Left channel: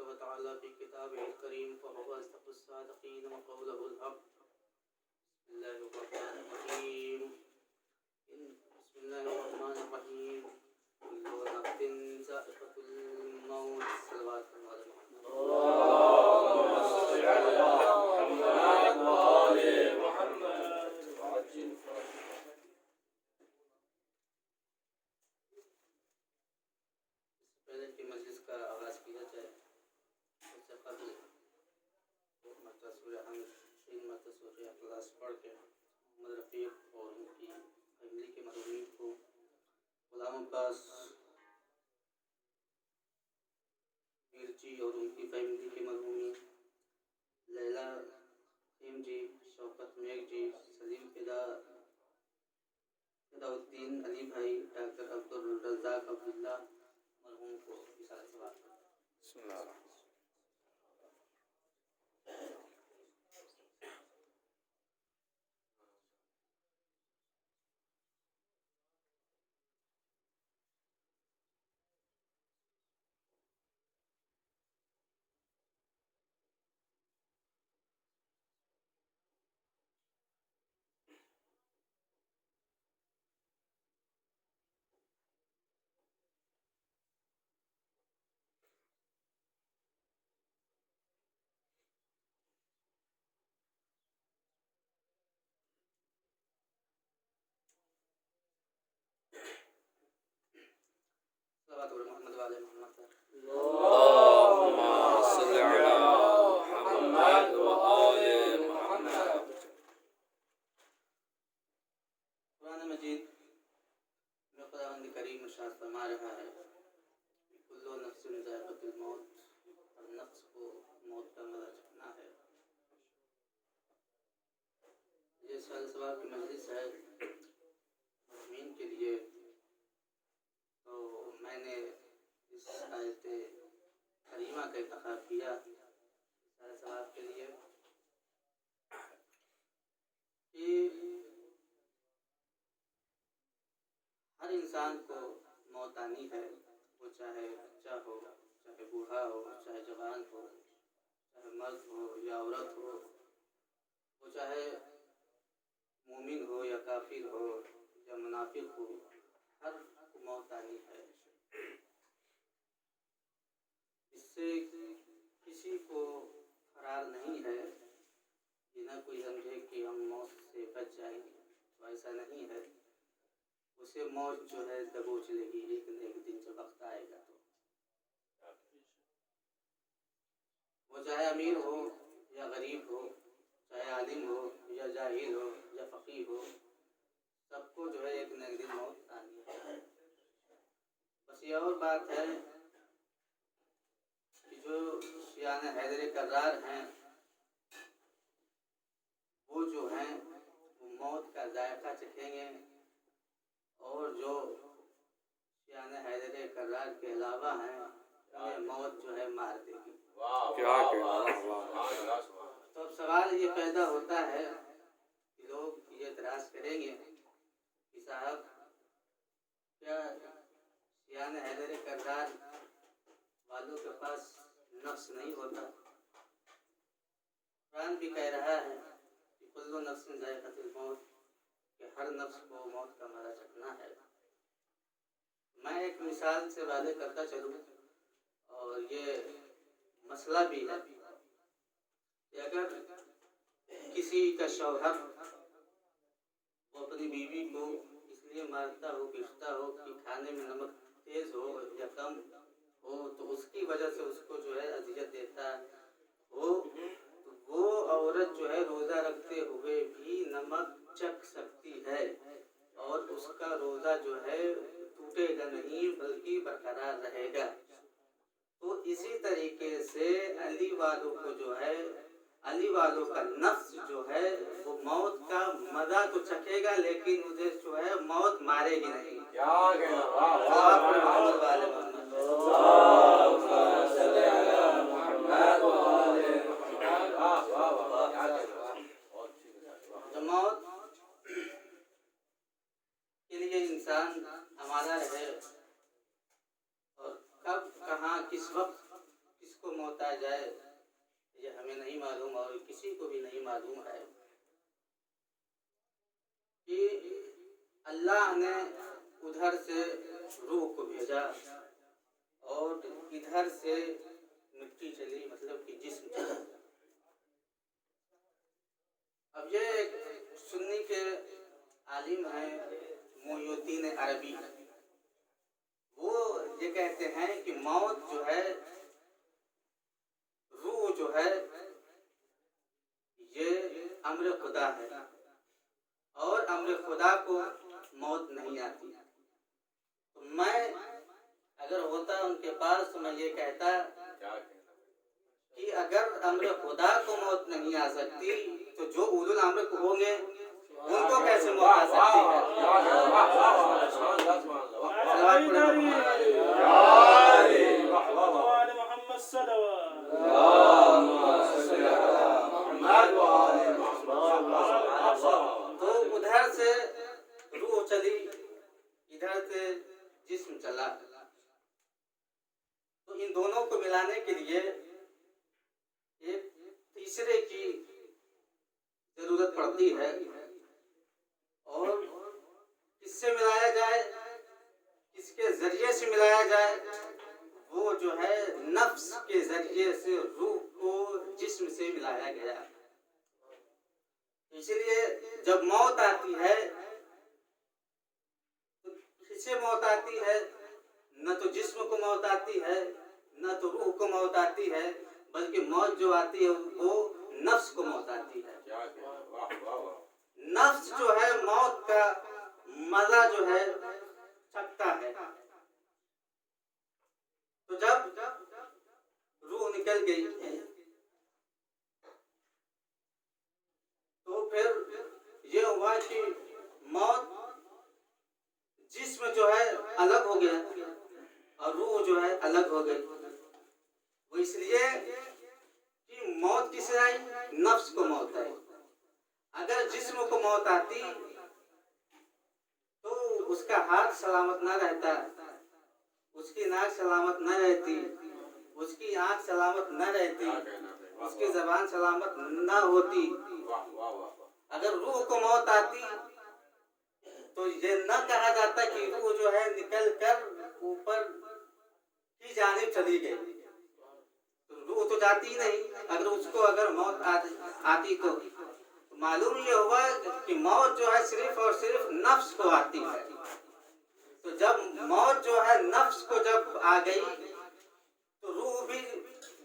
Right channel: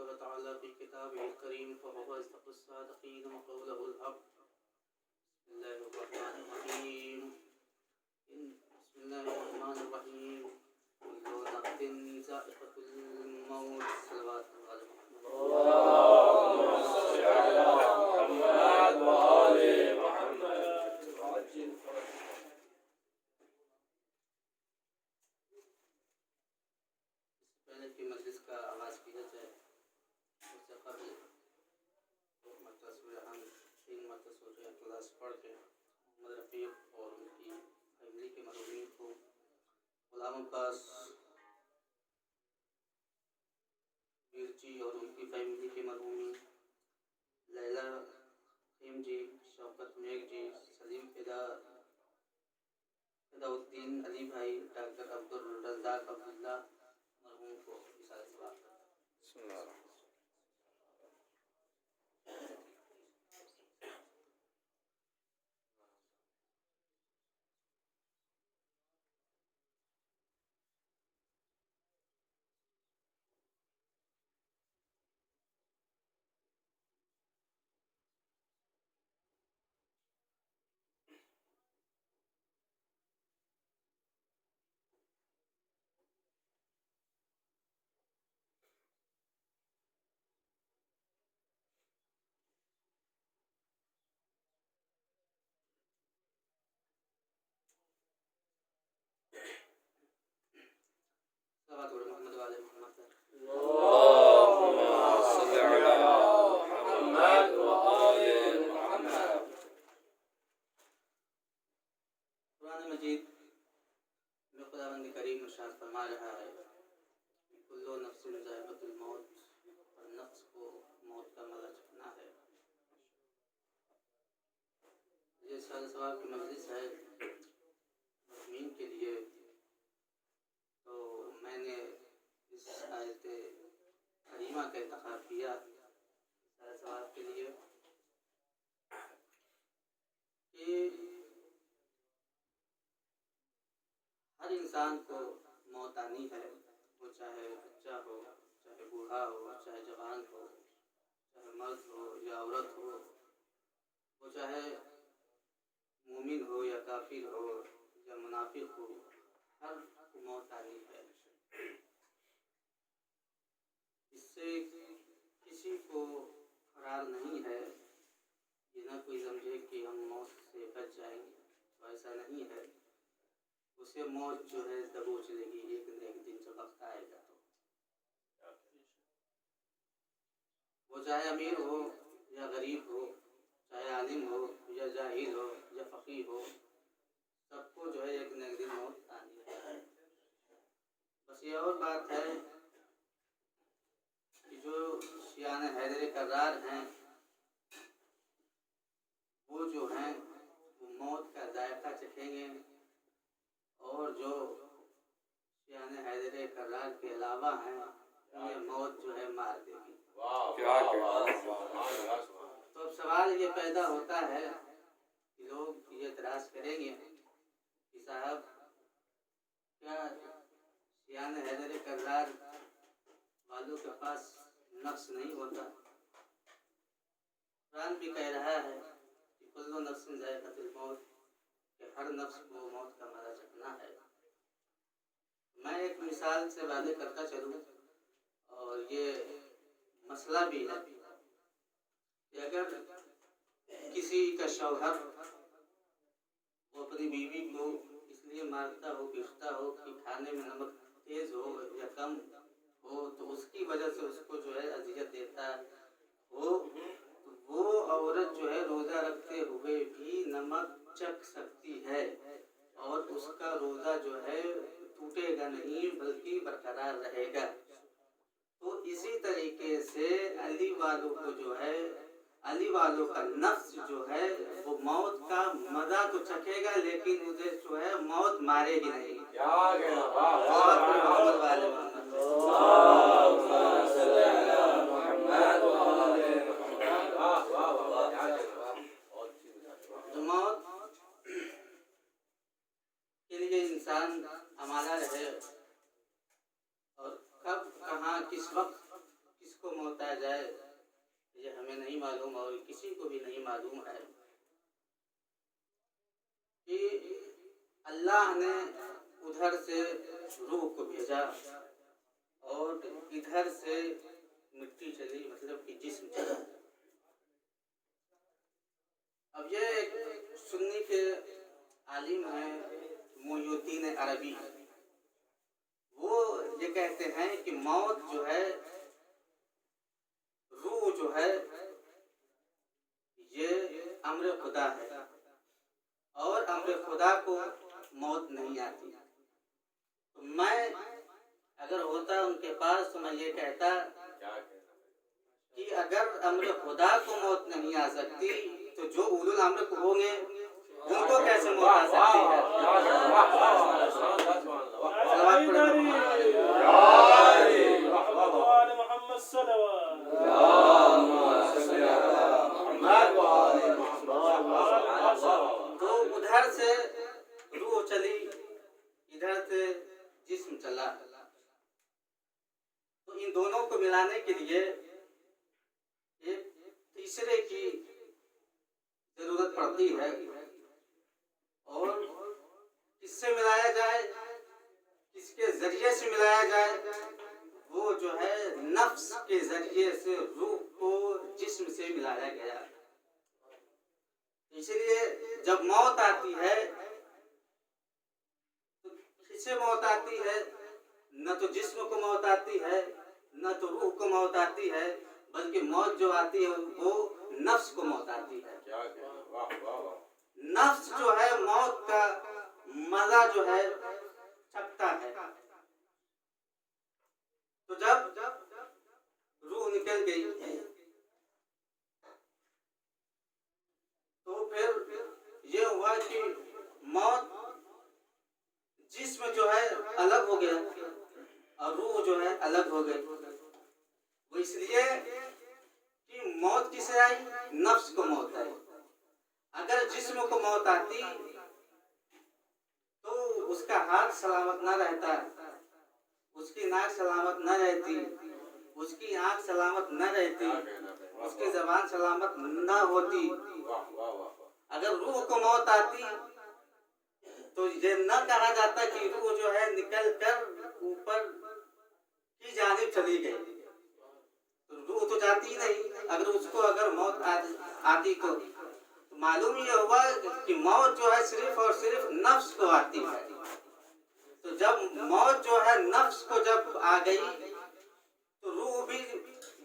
तबारक व तआला फी किताबिहिल करीम फ़हुव अस्दक़ुस सादिक़ीन व क़ौलुहुल हक़। बिस्मिल्लाहिर्रहमानिर्रहीम। बिस्मिल्लाहिर्रहमानिर्रहीम। कुल्लु नफ्सिन ज़ाइक़ातुल मौत। सल्लल्लाहु अलैहि पहले की मजलिस का आगाज़ किया जाए उससे कबल तीन मरतबा इखलास पढ़ के मोहम्मद रफ़ीक और उनकी फैमिली के मरहूमीन को, गुलाम अब्बास मीर जी और उनकी फैमिली के मरहूमीन, लैला ख़ीम जी, शौकत मेघ जी, सलीम फिदाउद्दीन अली भाई, डॉक्टर अब्दुल रज़ाक अब्दुल्ला मरहूम को मिसाल सवाब। मोहम्मद वाले मोहम्मद कुरान मजीद में खुदावंद करीम इरशाद फरमा रहा है कि कुल्लु नफ्सिन ज़ाइक़ातुल मौत, हर नफ्स को मौत का मज़ा चखना है। ये साल सवाब की मजलिस है मुस्लिमीन के लिए, तो मैंने इस आयत करीमा का इंतखाब किया साल सवाब के लिए कि हर इंसान को मौत आनी है, वो चाहे बच्चा हो, चाहे बूढ़ा हो, चाहे जवान हो, चाहे मर्द हो या औरत हो, वो चाहे मोमिन हो या काफिर हो या मुनाफिक हो, हर को मौत आनी है। इससे किसी को फरार नहीं है, ये ना कोई समझे कि हम मौत से बच जाएंगे, तो ऐसा नहीं है। उसे मौत जो है दबोच लेगी एक न एक दिन जब वक्त आएगा। तो वो चाहे अमीर हो या गरीब हो, चाहे आलिम हो या जाहिल हो या फ़कीह हो, सबको जो है एक न एक दिन मौत आनी है। बस ये और बात है कि जो शियान हैदर कर्रार हैं, वो जो हैं वो मौत का जायका चखेंगे, और जो शियान हैदर कर्रार के अलावा हैं उन्हें मौत जो है मार देगी। तो अब सवाल ये पैदा होता है कि लोग ये एतराज़ करेंगे कि साहब क्या शियान हैदर कर्रार वालों के पास नफ्स नहीं होता? कुरान भी कह रहा है कि कुल्लु नफ्सिन ज़ाइक़ातुल मौत, कि हर नफ्स को मौत का मज़ा चखना है। मैं एक मिसाल से वादे करता चलूँ, और ये मसला भी है कि अगर किसी का शौहर वो अपनी बीवी को इसलिए मारता हो, पीटता हो कि खाने में नमक तेज़ हो या कम हो, तो उसकी वजह से उसको जो है अज़ियत देता हो, तो वो औरत जो है रोज़ा रखते हुए भी नमक चख सकती है, और उसका रोज़ा जो है टूटेगा नहीं बल्कि बरकरार रहेगा। तो इसी तरीके से अली वालों को जो है, अली वालों का नफ्स जो है वो मौत का मज़ा तो चखेगा, लेकिन मुझे जो है मौत मारेगी नहीं। तो मौत के लिए इंसान आमादा रहे, और कब कहाँ किस वक्त किसको मौत होता जाए ये हमें नहीं मालूम और किसी को भी नहीं मालूम है कि अल्लाह ने उधर से रूह को भेजा और इधर से मिट्टी चली, मतलब कि जिस्म चला। अब ये एक सुन्नी के आलिम हैं मोइनुद्दीन अरबी, वो ये कहते हैं कि मौत जो है, रूह जो है, ये अम्र खुदा है और अम्र खुदा को मौत नहीं आती। तो मैं अगर होता उनके पास तो मैं ये कहता कि अगर अम्र खुदा को मौत नहीं आ सकती तो जो उलुल अम्र को होंगे उनको कैसे मौत आ सकती है? तो उधर से रूह चली, इधर से जिस्म चला। तो इन दोनों को मिलाने के लिए एक तीसरे की जरूरत पड़ती है। और किससे मिलाया जाए, किसके जरिए से मिलाया जाए? वो जो है नफ्स के जरिए से रूह को जिस्म से मिलाया गया। इसलिए जब मौत आती है तो किससे मौत आती है? न तो जिस्म को मौत आती है, न तो रूह को मौत आती है, बल्कि मौत जो आती है वो नफ्स को मौत आती है। नफ्स जो है मौत का मजा जो है चखता है। तो जब रूह निकल गई तो फिर ये हुआ कि मौत, जिस्म जो है अलग हो गया और रूह जो है अलग हो गई। वो इसलिए कि मौत किसे आई? नफ्स को मौत आई। अगर जिस्म को मौत आती तो उसका हाथ सलामत न रहता, उसकी नाक सलामत न रहती, उसकी आंख सलामत न रहती, उसकी जबान सलामत न होती। अगर रूह को मौत आती तो ये न कहा जाता कि रूह जो है निकल कर ऊपर की जानिब चली गई, तो रूह तो जाती ही नहीं। अगर उसको अगर मौत आती तो मालूम ये हुआ कि मौत जो है सिर्फ और सिर्फ नफ्स को आती है। तो जब मौत जो है नफ्स को जब आ गई तो रूह भी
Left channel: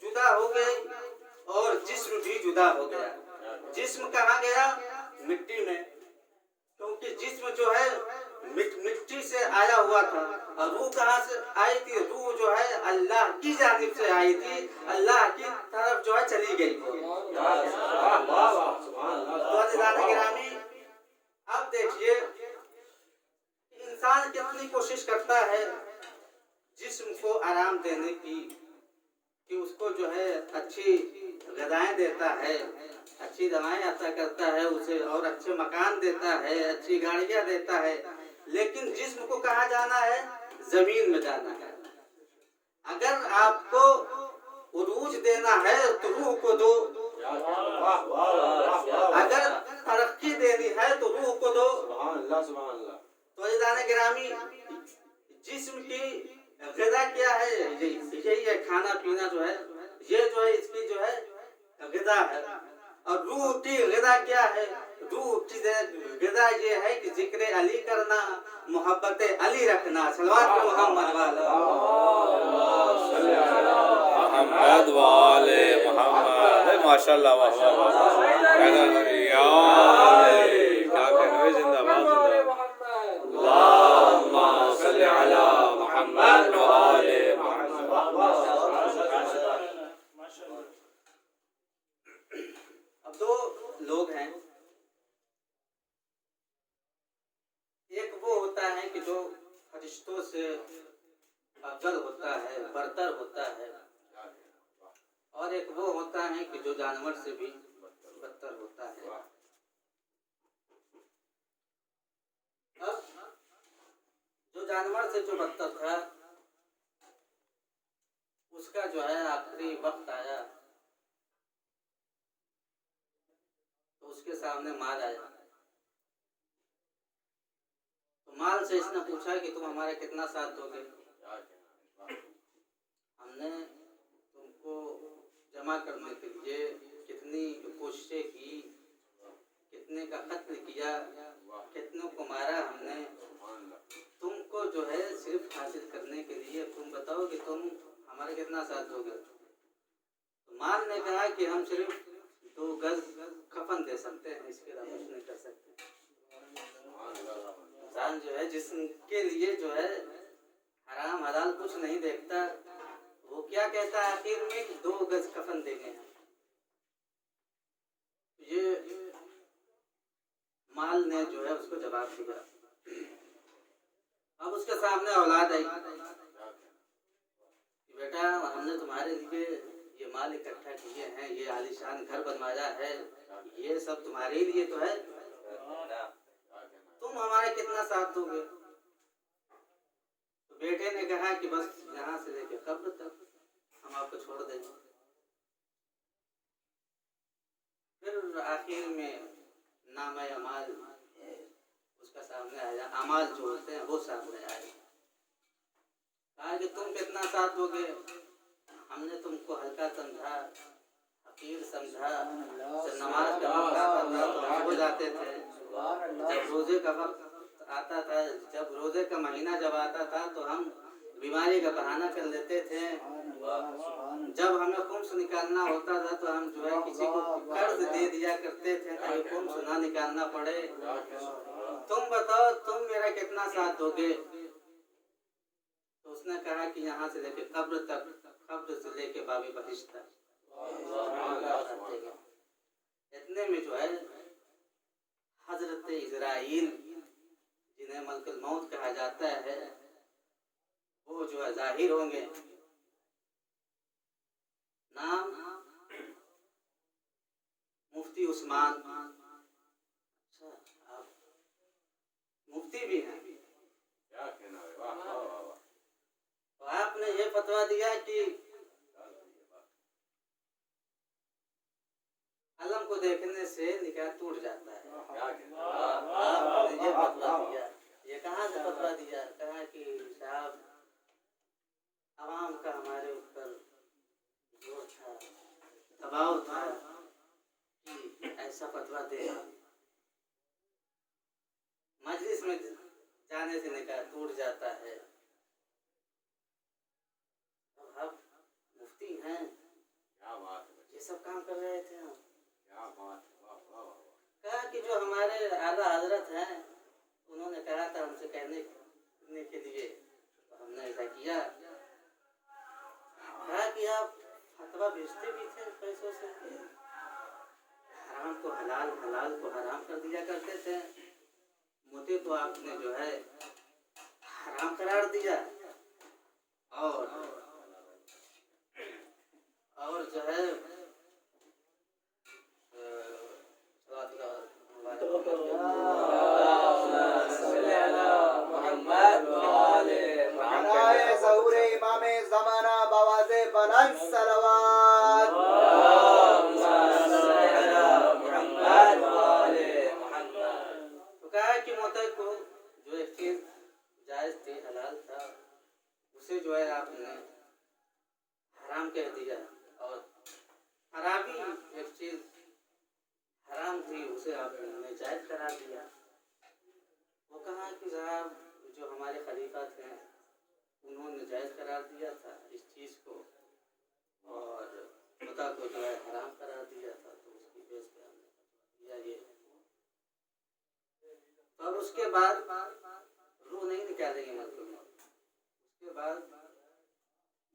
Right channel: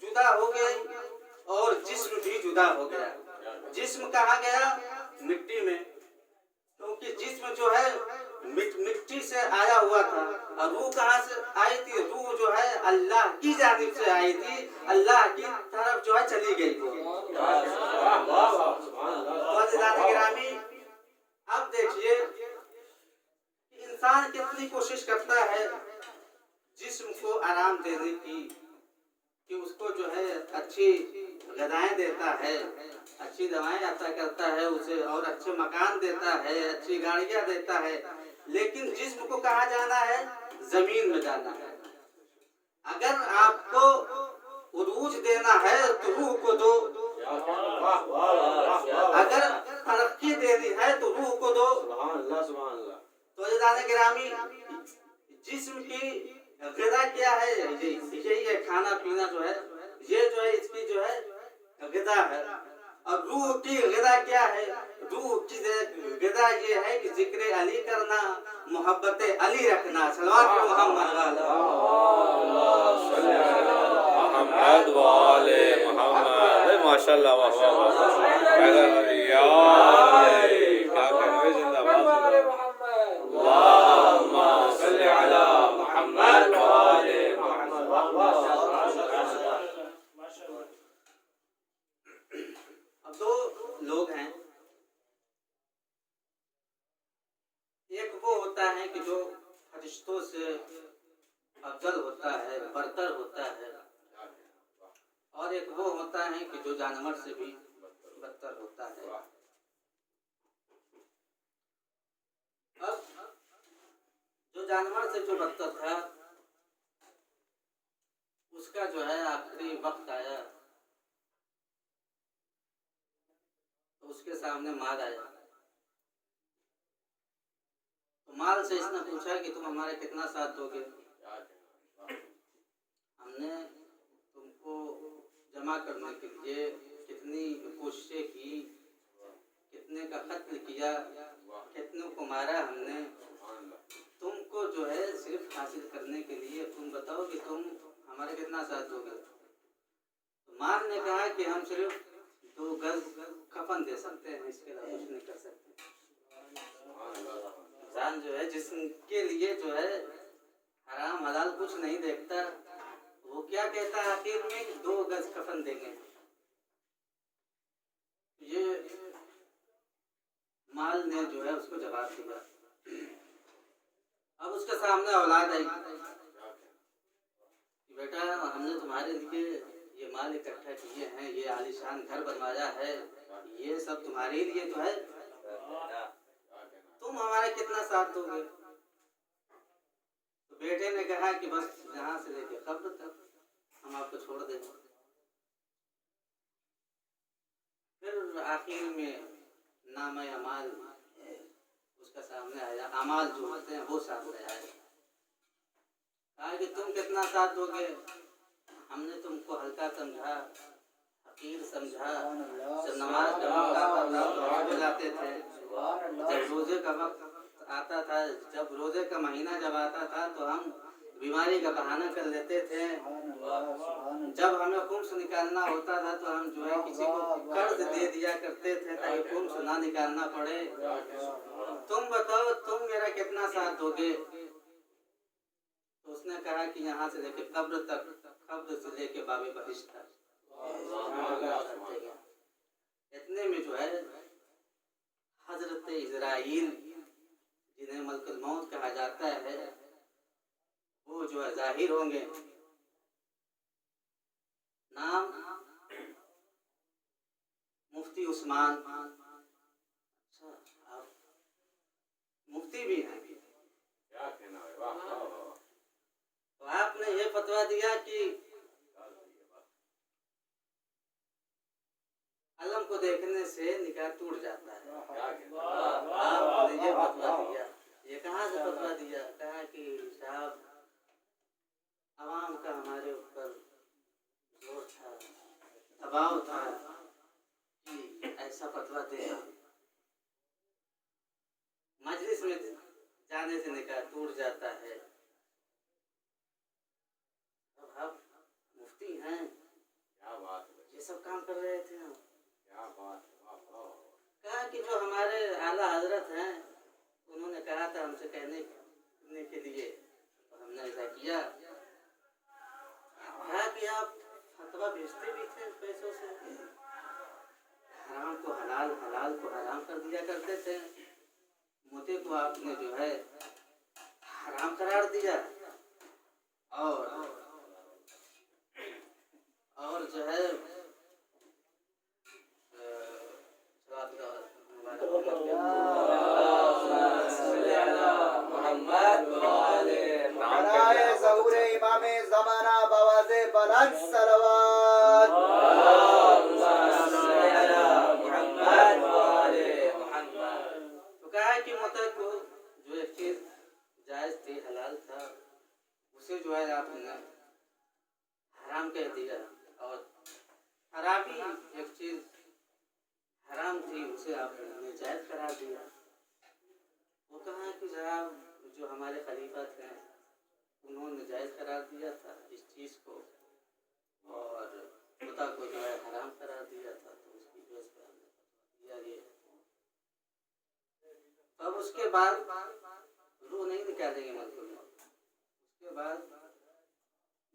जुदा हो गई और जिस्म भी जुदा हो गया। जिस्म कहाँ गया? मिट्टी में, क्योंकि जिस्म जो है मिट्टी से आया हुआ था। और रूह कहाँ से आई थी? रूह जो है अल्लाह की जानिब से आई थी, अल्लाह की तरफ जो है चली गई थी। गिरामी, अब देखिए इंसान कितनी कोशिश करता है जिस्म को आराम देने की, कि उसको जो है अच्छी ग़िज़ाएं देता है, अच्छी दवाएं अता करता है उसे, और अच्छे मकान देता है, अच्छी गाड़ियां देता है। लेकिन जिस्म को कहाँ जाना है? जमीन में जाना है। अगर आपको उरूज देना है तो रूह को दो, अगर तरक्की देनी है तो रूह को दो। तो जाने गिरामी, जिस्म की ग़िज़ा क्या है? यही है, खाना पीना जो है, ये जो है इसकी जो है ग़िज़ा है। और रूह की ग़िज़ा क्या है? रूह की ग़िज़ा ये है कि जिक्र अली करना, मोहब्बत अली रखना। सल्लल्लाहु मोहम्मद वाले मोहम्मद। माशाल्लाह, वाह वाह वाह, अब दो लोग हैं, एक वो होता है कि जो फरिश्तों से अफजल होता है, बरतर होता है, और एक वो होता है कि जो जानवर से भी बदतर होता है। अब जो जानवर से जो बदतर था उसका जो है आखिरी वक्त आया तो उसके सामने माल आया। तो माल से इसने पूछा कि तुम हमारे कितना साथ दोगे। हमने तुमको जमा करने के लिए कितनी कोशिशें की, कितने का कत्ल किया, कितनों को मारा हमने, तुमको जो है सिर्फ हासिल करने के लिए तुम बताओ कि तुम हमारे कितना साथ दोगे। तो माल ने कहा कि हम सिर्फ 2 गज कफन दे सकते हैं, इसके अलावा कुछ नहीं कर सकते। इंसान जो है जिसके लिए जो है हराम हलाल कुछ नहीं देखता, वो क्या कहता है आखिर में कि 2 गज कफन देंगे। ये माल ने जो है उसको जवाब दिया। अब उसके सामने औलाद आई, बेटा हमने तुम्हारे लिए ये माल इकट्ठा किए हैं, ये आलीशान घर बनवाया है, ये सब तुम्हारे लिए तो है, तुम हमारे कितना साथ दोगे। तो बेटे ने कहा कि बस यहाँ से लेके कब्र तक हम आपको छोड़ देंगे। फिर आखिर में नाम अमाल उसका सामने आया, अमाल जो होते हैं वो सामने आए। कहा कि तुम कितना साथ दोगे। हमने तुमको हल्का समझा, हकीर समझा। जब नमाज का वक्त आता था तो हम हो जाते थे, जब रोजे का वक्त आता था, जब रोजे का महीना जब आता था तो हम बीमारी का बहाना कर लेते थे। जब हमें खुम्स निकालना होता था तो हम जो है किसी को कर्ज दे दिया करते थे ताकि खुम्स ना निकालना पड़े। तुम बताओ तुम मेरा कितना साथ दोगे। तो उसने कहा कि यहाँ से लेके कब्र तक, कब्र से लेके बाबे बहिश्त तक। इतने में जो है हजरत इजराइल जिन्हें मलकुल मौत कहा जाता है वो जो है जाहिर होंगे। नाम मुफ्ती उस्मान। अच्छा, आप मुफ्ती भी हैं। तो आपने ये फतवा दिया कि अलम को देखने से निकाह टूट जाता है। आपने ये फतवा दिया। ये कहाँ से फतवा दिया? कहा कि साहब अवाम का हमारे ऊपर जोर था, दबाव था कि ऐसा फतवा देना, मजलिस में जाने से निकाह टूट जाता है। अब आप मुफ्ती हैं, ये सब काम कर रहे थे हम। कहा कि जो हमारे आला हजरत हैं उन्होंने कहा था हमसे कहने के लिए, तो हमने ऐसा किया। कहा कि आप फतवा भेजते भी थे पैसों से, हराम को हलाल, हलाल को हराम कर दिया करते थे, मुझे तो आपने जो है हराम करार दिया। और जो है इमामे ज़माना बवाज़े बुलंद सलवात। तो कहा कि मुतक को जो एक चीज जायज थी, हलाल था, उसे जो है आपने हराम कह दिया। और खराबी एक चीज हराम थी उसे आपने जायज करा दिया। वो कहा कि साहब जो हमारे खलीफा थे उन्होंने जायज करार दिया था इस चीज को, और खुदा को जो है हराम करार दिया था, तो उसकी बेस पे हमने दिया ये। तो अब उसके बाद रूह नहीं निकालेंगे मजलूम। उसके बाद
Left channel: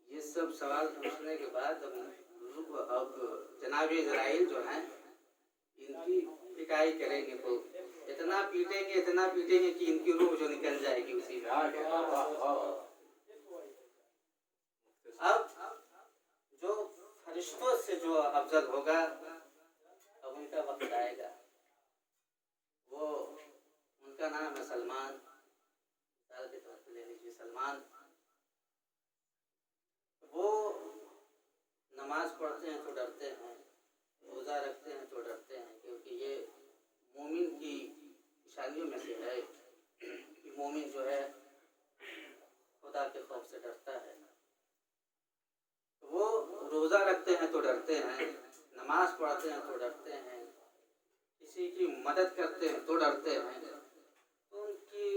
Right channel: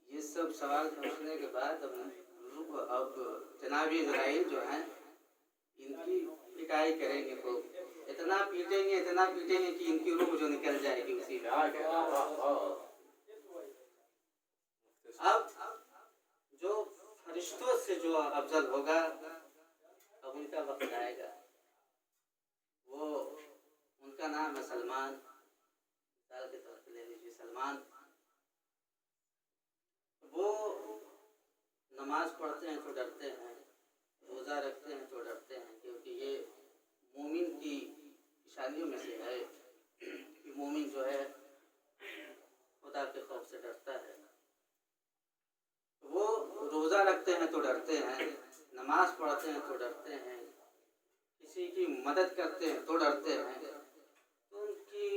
ये सब सवाल पूछने के बाद अब जनाब इजराइल जो हैं इनकी पिटाई करेंगे, तो इतना पीटेंगे कि इनकी रूह जो निकल जाएगी उसी में। अब जो फरिश्तों से जो अफजल होगा अब उनका वक्त आएगा। वो उनका नाम है सलमान। मिसाल के तौर पर ले लीजिए सलमान। वो निशानियों में से है कि मोमिन जो है खुदा के खौफ से डरता है। वो रोज़ा रखते हैं तो डरते हैं, नमाज पढ़ते हैं तो डरते हैं, किसी की मदद करते हैं तो डरते हैं। तो उनकी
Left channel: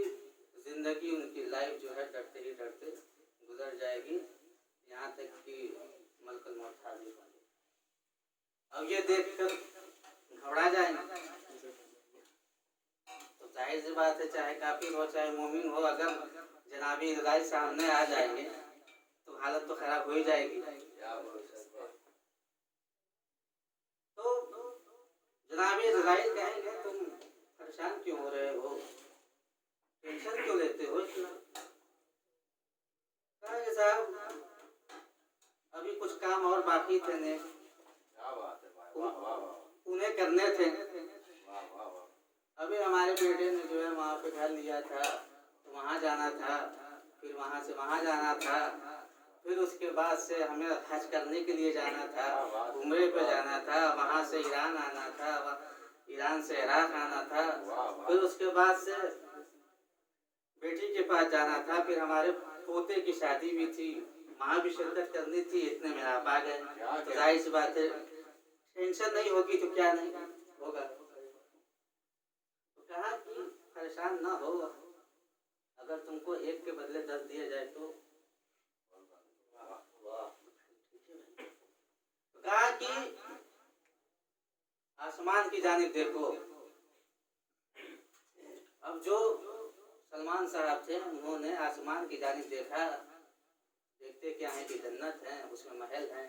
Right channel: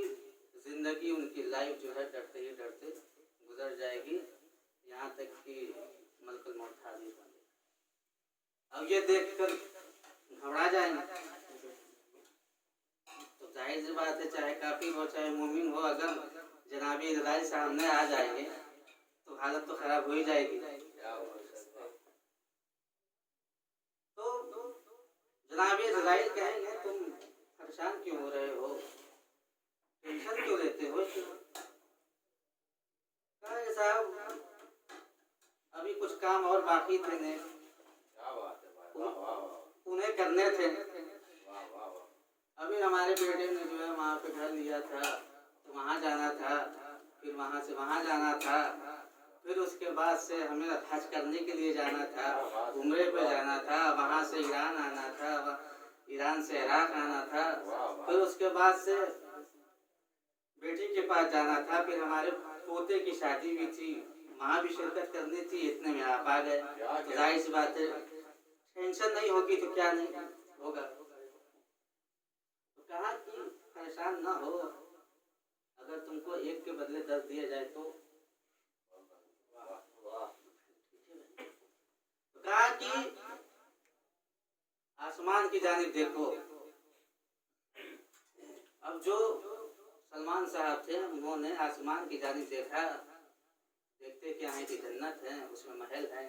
ज़िंदगी, उनकी लाइफ जो है डरते ही डरते गुजर जाएगी, यहाँ तक कि मलकुल मौत हाजिर होंगे। अब ये देखकर घबरा जाएंगे तो जाहिर सी बात है, चाहे काफिर हो चाहे मोमिन हो, अगर जनाबी इज़राइल सामने आ जाएंगे तो हालत तो खराब हो ही जाएगी। तो जनाबी इज़राइल कहेंगे तुम परेशान क्यों हो रहे हो, टेंशन क्यों लेते हो इतना? कहा साहब अभी कुछ काम और बाकी थे ने, उन्हें करने थे। अभी हमारे बेटे ने जो है वहाँ पे घर लिया था, तो वहाँ जाना था, फिर वहाँ से वहाँ जाना था, फिर उसके बाद से हमें हज करने के लिए जाना था, उम्रे पे जाना था, वहाँ से ईरान आना था, ईरान से इराक आना था, फिर उसके बाद से बेटी के पास जाना था, फिर हमारे पोते की शादी भी थी, वहाँ भी शिरकत करनी थी। इतने में आप आ गए, तो जाहिर सी बात है टेंशन नहीं होगी तो क्या नहीं होगा। तो कहा कि परेशान ना हो, अगर तुमको एक के बदले 10 दिए जाए तो कहा कि आसमान की जानिब देखो। अब जो सलमान साहब थे उन्होंने आसमान की जानिब देखा, देखते क्या है कि जन्नत है, उसमें महल है,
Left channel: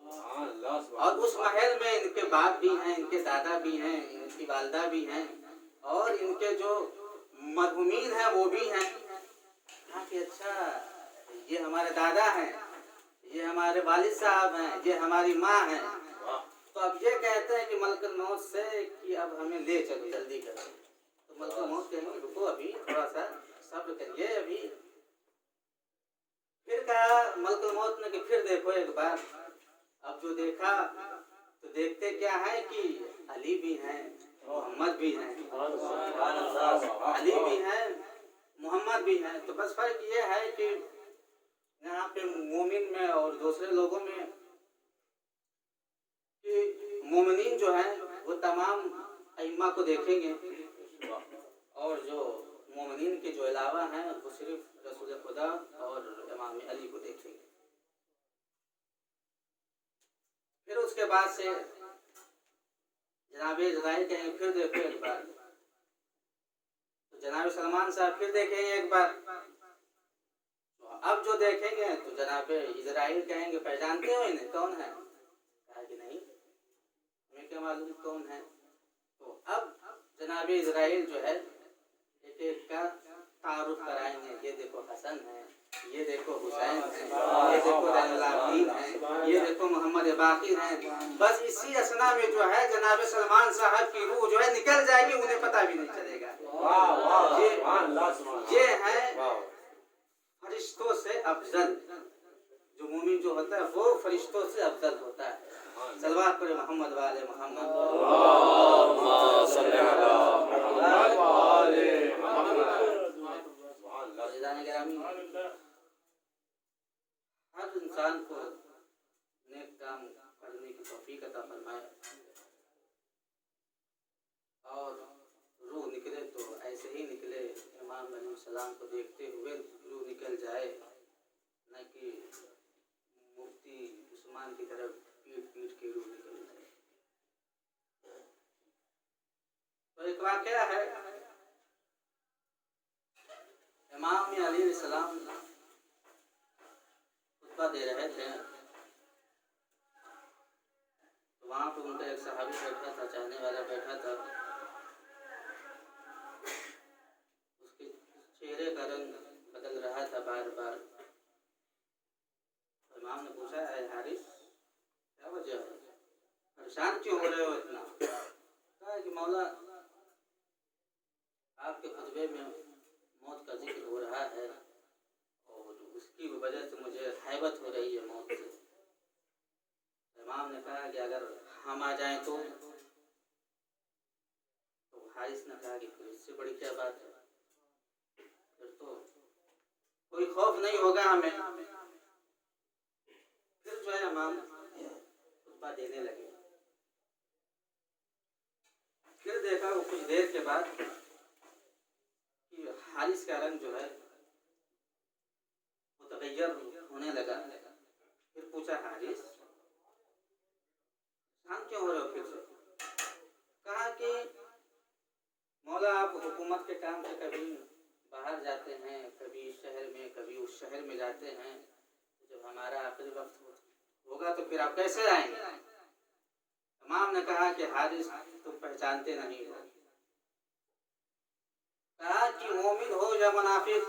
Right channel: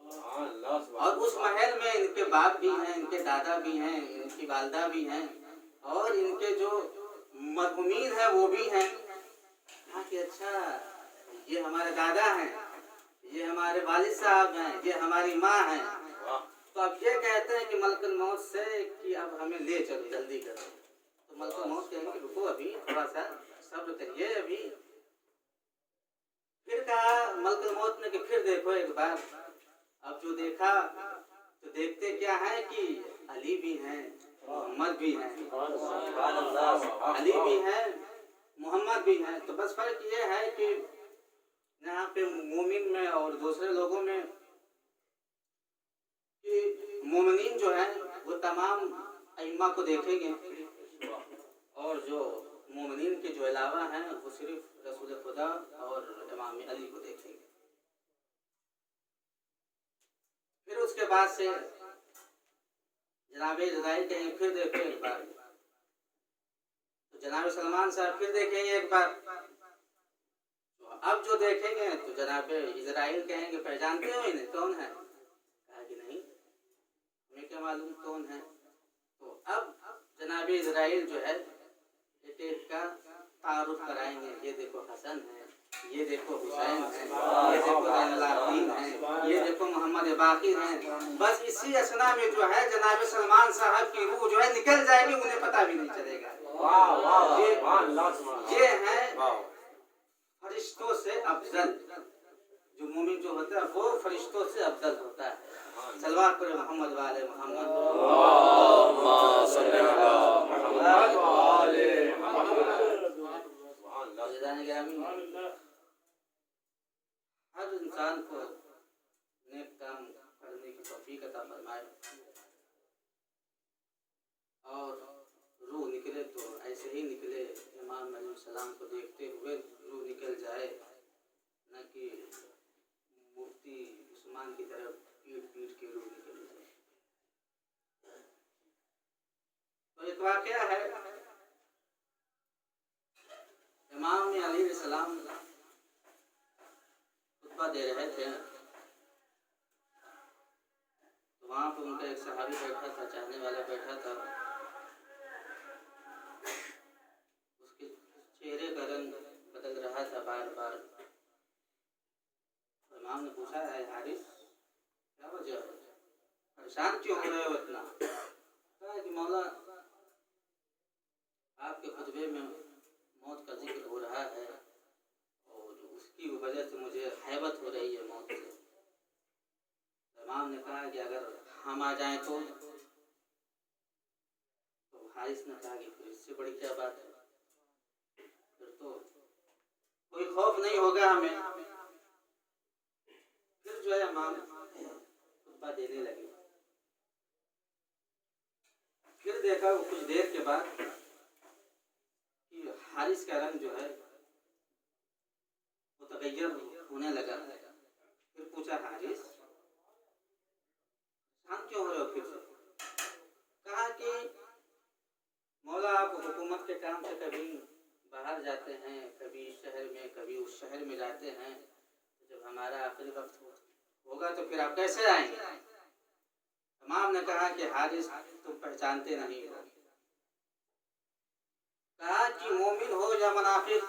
और उस महल में इनके बाप भी हैं, इनके दादा भी हैं, इनकी वालदा भी हैं, और इनके जो मरहुमीन हैं वो भी हैं। कहा कि अच्छा ये हमारे दादा हैं, ये हमारे वालिद साहब हैं, ये हमारी माँ हैं। तो अब ये कहते हैं कि मलकुल मौत से कि अब हमें ले चलो, जल्दी करो। तो मलकुल मौत कहेंगे रुको अभी थोड़ा सा सब्र करिए अभी। फिर कहा मलकुल मौत ने कि फिर देखो एक बार। अब जो देखा तो देखते क्या है कि अली भी हैं, मोहम्मद भी हैं, अली भी हैं, मोहम्मद भी हैं। तो बस फर्क ये है कि यहाँ पे मोमिन में और दूसरे लोगों में कि मोमिनीन जो हैं वो तमाम अइम्मा को देखेंगे, और जो मोमिनीन के जो अलावा हैं वो सिर्फ रसूल खुदा और इमाम अली को देखेंगे। फिर उसके बाद से जनाब इज़राइल कहेंगे फिर देखो एक बार, तो जनाब सलमान साहब फिर देखेंगे एक बार। तो अब जो देखेंगे तो जनाब इज़राइल कहेंगे पहचानते हो इन्हें, कौन है? कहा कि नहीं, हमें क्या मालूम कौन है। तो अब जनाब इज़राइल जो है एक एक का तारुफ कराएंगे, ये देखो हसन है, ये देखो हुसैन है, ये देखो ज़ैनुलाब्दीन है, ये देखो मोहम्मद बाकिर हैं। बस इसी असना में जो है जनाब सलमान साहब की रूह जो है निकल जाएगी, उन्हें पता भी नहीं चलेगा। ये है फरिश्तों से अफजल। जो मोमिन जो होता है वो फरिश्तों से अफजल होता है। सलवात पर मोहम्मद वाले मोहम्मद। हर इंसान को नेक काम करने की तौफीक अता फरमाए, और रूह निकले तो ऐसे ही निकले, इमाम अलैहिस्सलाम को देखते हुए रूह निकल जाए, न कि मुफ्ती उस्मान की तरफ पीट पीट के रूह निकल जाए। तो एक वाक़या है, इमाम अली अलैहिस्सलाम खुतबा दे रहे थे, तो वहाँ पे उनका एक सहाबी बैठा था, चाहने वाला बैठा था। उसके चेहरे का रंग बदल रहा था बार बार। इमाम ने पूछा है हारिस क्या वजह है, परेशान क्यों हो रहे हो इतना? कहा कि मौला आपके खुतबे में मौत का जिक्र हो रहा है, और उसकी वजह से मुझे हैबत हो रही है मौत से। इमाम ने कहा कि अगर हम आ जाएं तो हारिस हारिस ने कहा कि फिर इससे बड़ी क्या बात है, फिर तो कोई खौफ नहीं होगा हमें। फिर जो है इमाम खुतबा देने लगे। फिर देखा वो कुछ देर के बाद कि हारिस का रंग जो है वो तगैयर होने लगा। फिर पूछा, हारिस शांत क्यों हो रहे हो? फिर से कहा कि मौला आप हुकूमत के काम से कभी बाहर जाते हैं, कभी शहर में, कभी उस शहर में जाते हैं, जब हमारा आखिरी वक्त होगा तो फिर आप कैसे आएंगे? इमाम ने कहा कि हारिस तुम पहचानते नहीं हो। कहा कि मोमिन हो या मुनाफिक,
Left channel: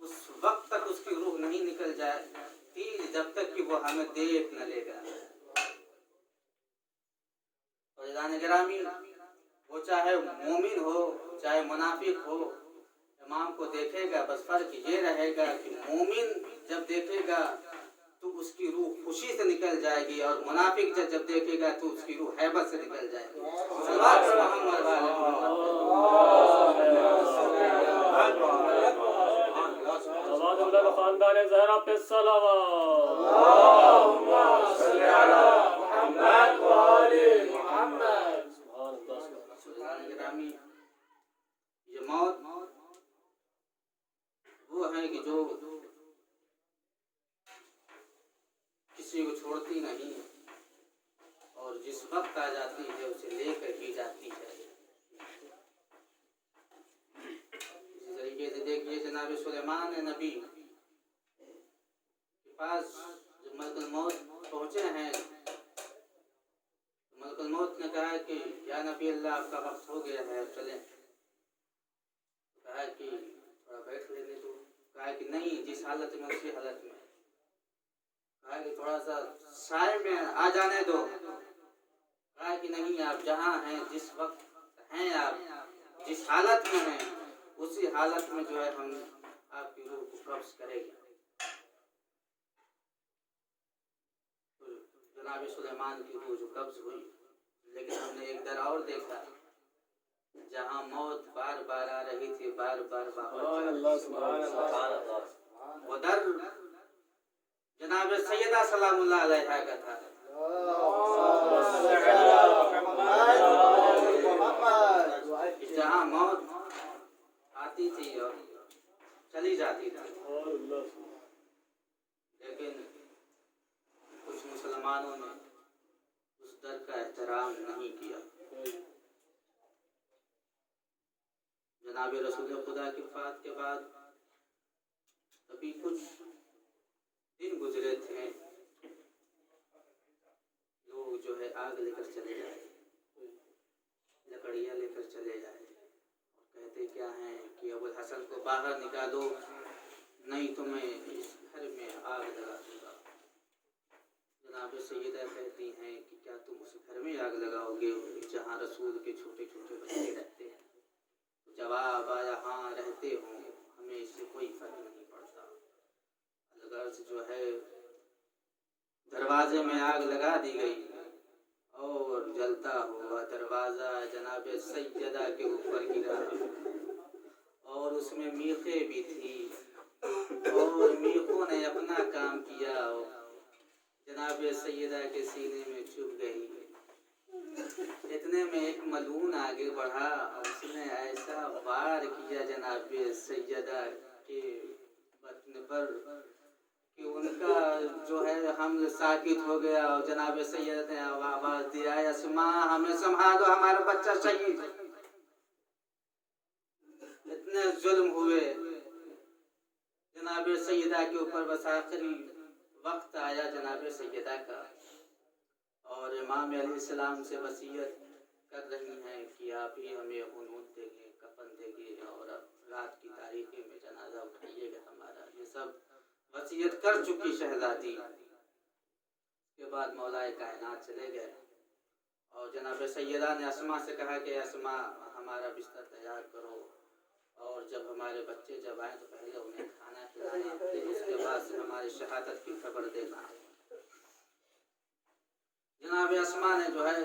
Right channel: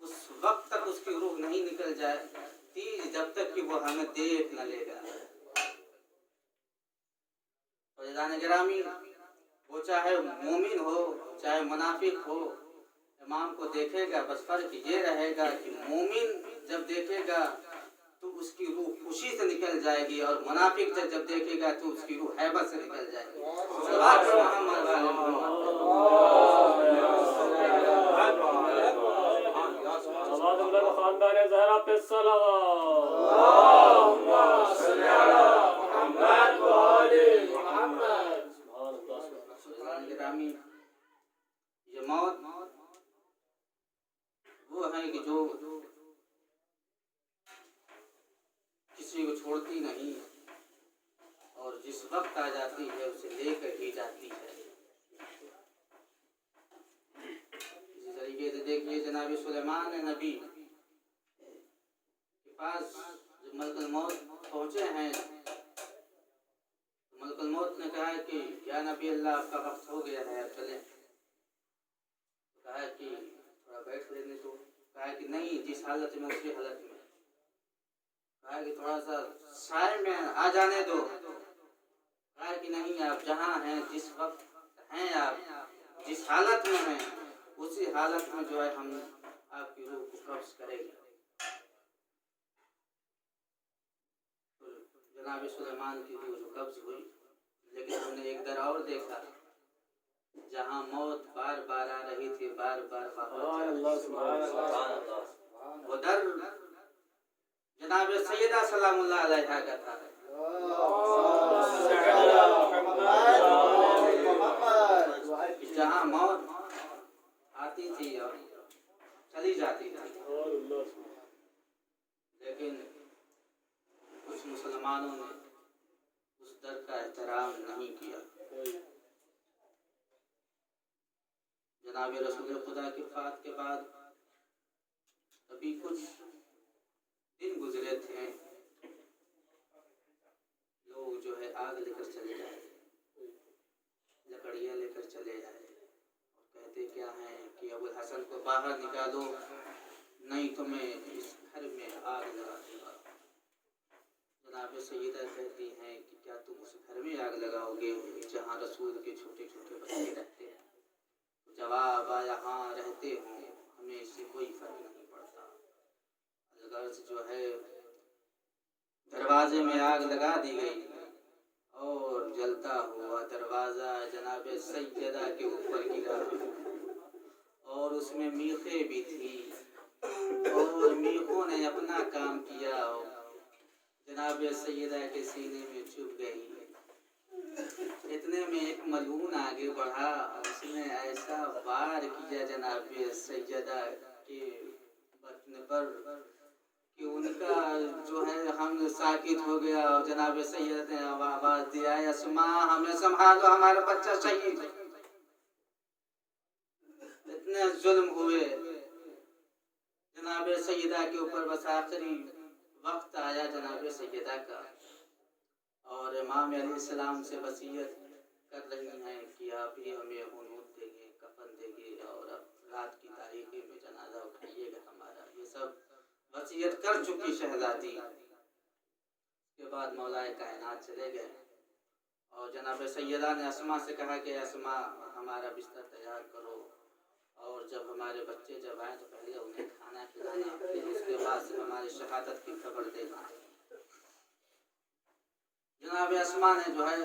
उस वक्त तक उसकी रूह नहीं निकल जाती जब तक कि वो हमें देख न लेगा। और गिरामी, वो चाहे मोमिन हो चाहे मुनाफिक हो, इमाम को देखेगा। बस फर्क ये रहेगा कि मोमिन जब देखेगा तो उसकी रूह खुशी से निकल जाएगी, और मुनाफिक जब देखेगा तो उसकी रूह हैबत से निकल जाएगी। ये मौत वो है कि जो किसी को छोड़ती नहीं और जिस वक्त आ जाती है उसे लेकर ही जाती है। इसी तरीके से देखिए जनाब सुलेमान नबी के पास जब मलकुल मौत पहुंचे हैं, मलकुल मौत ने कहा कि या नबी अल्लाह आपका वक्त हो गया है, चले। कहा कि थोड़ा बैठ लेने दो। कहा कि नहीं, जिस हालत में उसी हालत में। कहा कि थोड़ा सा साए में आ जाने दो। कहा कि नहीं, आप जहाँ हैं, जिस वक्त हैं, आप जिस हालत में हैं, उसी हालत में जो है हम आपकी रूह को कब्ज करेंगे। तो जनाब सुलेमान की रूह जो कब्ज हुई, लेकिन हमने एक दर और देखा जहाँ मौत बार बार आ रही थी, बार बार वो दर जनाब सैयदा सलामुल्लाह अलैहा का था। जहाँ मौत आती थी और चली जाती थी, लेकिन कुछ मुसलमानों ने उस दर का एहतराम नहीं किया। जनाब रसूल खुदा की वफ़ात के बाद अभी कुछ दिन गुजरे थे, लोग जो है आग लेकर चले जाए, लकड़ियाँ लेकर चले जाए, और कहते क्या हैं कि अबुल हसन को बाहर निकालो, नहीं तो मैं इस घर में आग लगा दूंगा। जनाब सैयदा कहती हैं कि क्या तुम उस घर में आग लगाओगे जहाँ रसूल के छोटे छोटे बच्चे रहते हैं? जवाब आया, हाँ रहते हों, हमें इससे कोई फर्क नहीं पड़ता। अलगर्ज जो है दरवाजे में आग लगा दी गई और जलता हुआ दरवाजा जनाब सैयदा के ऊपर गिरा, और उसमें मीखे भी थी, और मीखों ने अपना काम किया, जनाब सैयदा के सीने में चुभ गई। इतने में एक मलून आगे बढ़ा, उसने ऐसा वार किया जनाब सैयदा के बदन पर कि उनका जो है हम साकित हो गया, और जनाब सैयदा ने आवाज दिया, अस्मा हमें संभालो, हमारा बच्चा शहीद। इतने जुल्म हुए जनाब सैयदा के ऊपर। बस आखिरी वक्त आया जनाब सैयदा का, और इमाम अलैहिस्सलाम से वसीयत कर रही हैं कि आप ही हमें हुनूत देंगे, कफन देंगे, और अब रात की तारीखी में जनाजा उठाइएगा हमारा। ये सब वसीयत कर चुकी शहजादी। के बाद मौलाए कायनात चले गए, और जनाब सैयदा ने अस्मा से कहा कि अस्मा हमारा बिस्तर तैयार करो, और जब हमारे बच्चे जब आए तो पहले उन्हें खाना खिलाना, फिर उसके बाद से हमारी शहादत की खबर देना। जनाब अस्मा ने जो है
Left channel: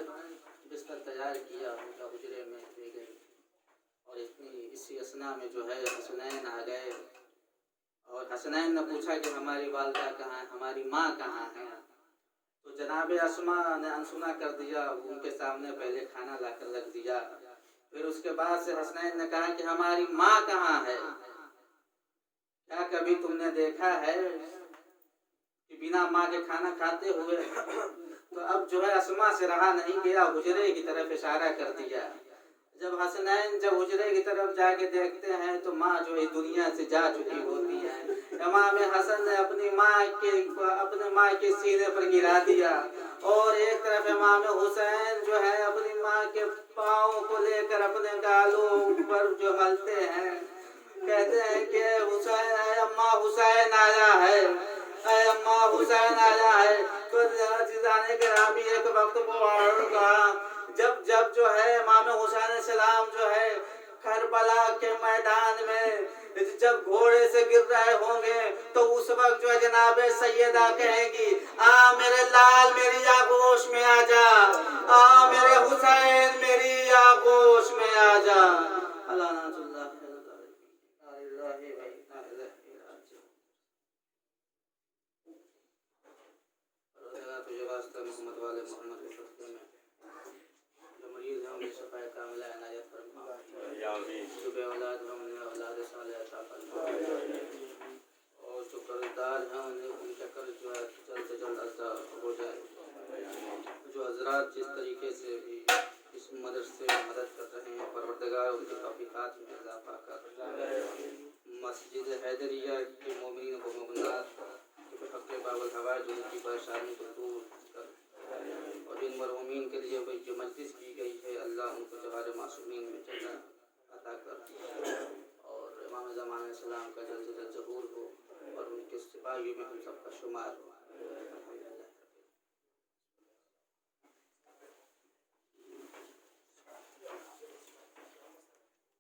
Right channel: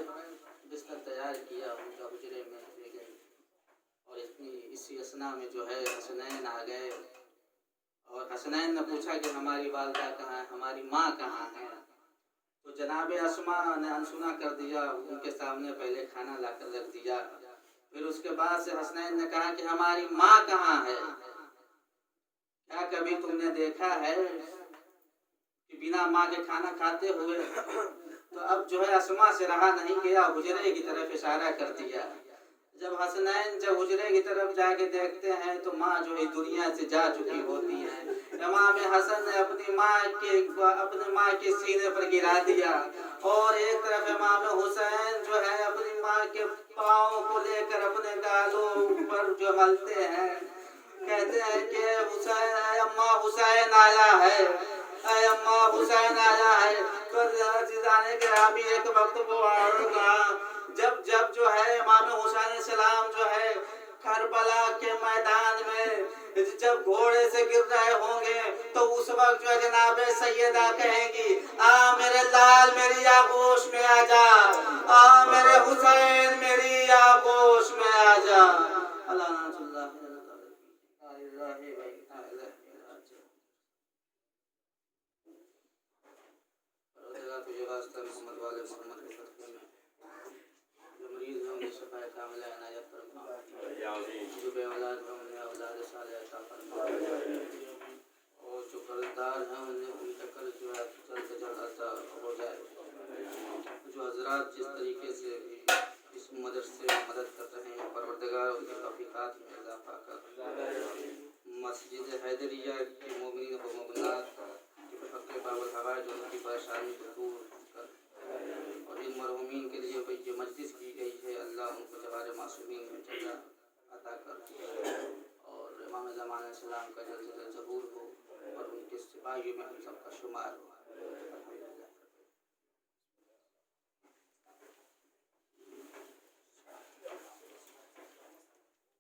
बिस्तर तैयार किया, उनका हुजरे में ले गए, और इसी असना में जो है हसनैन आ गए और हसनैन ने पूछा कि हमारी वालदा कहाँ है, हमारी माँ कहाँ है। तो जनाब अस्मा ने अनसुना कर दिया, उनके सामने पहले खाना ला कर रख दिया। फिर उसके बाद से हसनैन ने कहा कि हमारी माँ कहाँ है, क्या कभी तुमने देखा है कि बिना माँ के खाना खाते हुए। तो अब जो है अस्मा से रहा नहीं गया, हुजरे की तरफ इशारा कर दिया। जब हसनैन जब हुजरे की तरफ जाके देखते हैं तो माँ जो है दुनिया से जा चुकी होती है। इमाम हसन ने अपने माँ के सीने पर गिरा दिया और एक तरफ इमाम हुसैन जो है अपनी माँ के पाँव को लेकर अपने गालों पर जो मलते हैं, कहते हैं कि हुसैन है, अम्मा हुसैन आया है, अम्मा हुसैन आया है। तो जाने के रामी एक वक्त वो जब जब जो है इमाम हुसैन सलाम जो है करबला के मैदान में जब घोड़े से गिर रहे होंगे तो उस वक्त जो है जनाब सैयदा कहेंगी, आ मेरे लाल मेरी आगोश में आ जा, आ मेरे हुसैन मेरी आगोश में आ जा। अल्लाह तुझे वास्ता मोहम्मद वाले मोहम्मद के सदक़े में जो मरीज हैं उन्हें शफ़ाए कामिला इनायत फरमा, जो बेऔलाद हैं उन्हें औलाद सालिहा अता फरमा, और जो कर्ज़दार हैं उनका कर्ज़ जो है जल्द से जल्द अदा हो जाए। जो हज़रात जिस तरीके से इस मदरसे में मदद कर रहे हैं, परवरदिगार उनकी तौफ़ीक़ात में इज़ाफ़ा कर, मस्जिद हैदरिया के मोमिनीन व मोमिनात हक़ बाबुल हवाइज जो उनकी परेशानी को दूर कर, और इन मरहूमीन के लिए जो मजलिस की गई है अल्लाह उनको जवार मासूमीन में जगह अता कर, और इमाम ज़माना सलाम का जल्द से जल्द ज़हूर हो और उनके सिपाहियों में हम सबका शुमार हो।